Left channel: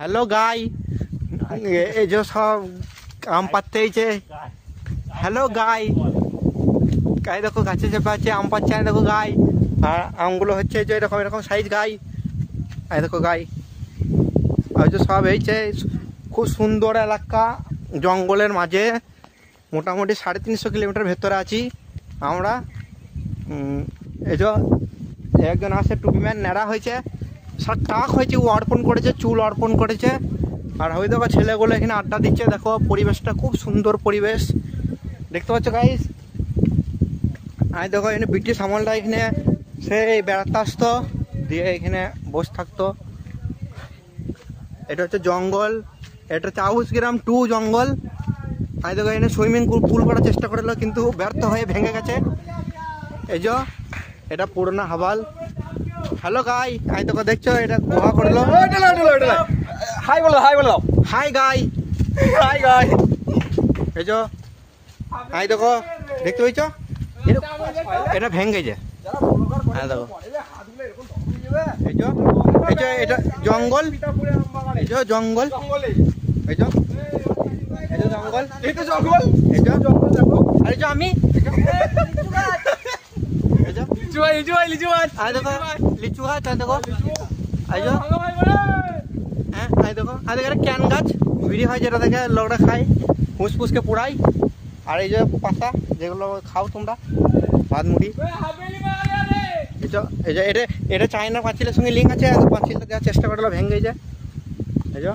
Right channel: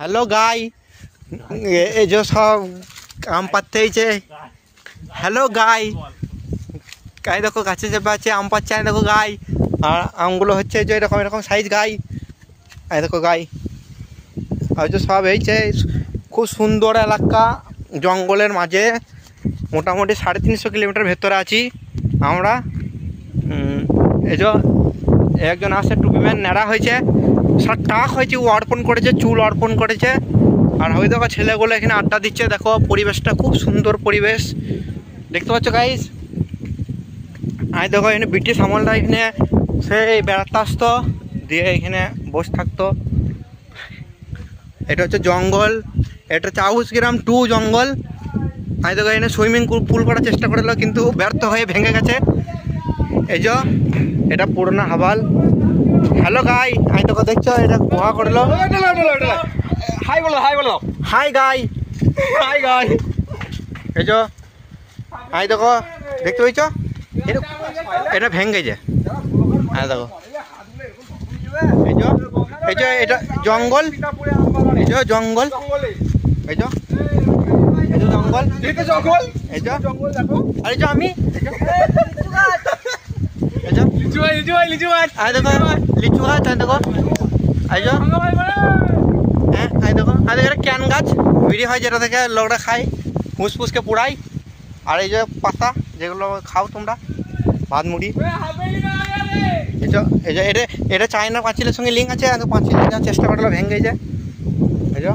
Hello guy, এই যে সব আম পাড়তে হয়েছে। হ্যালো গাই, গাই দেখো গাছে চেপে আছে, আম পাচ্ছে। দেখো গাই, আর আমগুলো হচ্ছে যে এরকম এরকম সাইজ গাই। এই দেখো গাই, আর যে সব হয়েছে। খুব সুন্দর এলাকা, জঙ্গলের মাঝে। মোটামুটি 350 কিলোমিটার ভেতরে আছি আমরা। এই যে একজন আসে, টুপিম্যান ন্যাড়া হয়েছে, সব টাক হয়েছে, ও অর্পণ করেছে, চুল অর্পণ করেছে। আর ওই দেখো ছেলেগুলো এখানে আড্ডা দিচ্ছে। দেখো পরিবেশটা খুব সুন্দর পরিবেশ, দেখতে পাচ্ছ গাইস। আর দেখো এখানে ব্রিটিশ আমলটা এখানে সেই বেড়াতে আসতো, দিয়ে এখানে বসে থাকতো। এটা হচ্ছে জঙ্গল, এটা হচ্ছে আউস গ্রাম 2 জঙ্গল। আর দেখো এখানে সুইমিং পুল করার চেষ্টা করেছিল, কিন্তু ব্যর্থ হয়ে ভেঙে গেছে। এই যে এটা পুরোনো হাবাল। হ্যালো গাই, আই দেখো দেখছো এটা গুহা করলো। হাই বলো, হাই বলো, হাই গাই, হাই গাই। এই যে আই দেখো দেখতে পেয়েছ, এটা ভেঙে গেছে। হ্যাঁ দেখো, এই যে এটা জঙ্গল, এই যে জঙ্গল, এই যে এই যে জঙ্গল, এই যে আরে যে আমি দেখো লিচু গাছ। দেখো এই যে হ্যাঁ, আই দেখো এটা ক্যান গাছ, বিড়ি হয় যেটা থেকে লোকরা খায়, ফুসফুসকে পোড়াই। আর এই যে পাতা যেগুলো খাও তোমরা, ভাত মুড়ি। এই যে এটা চায়না পাঁচিলের সঙ্গে লিঙ্ক আছে, পাঁচিল চেষ্টা করলে ভেঙে যায়। এই যে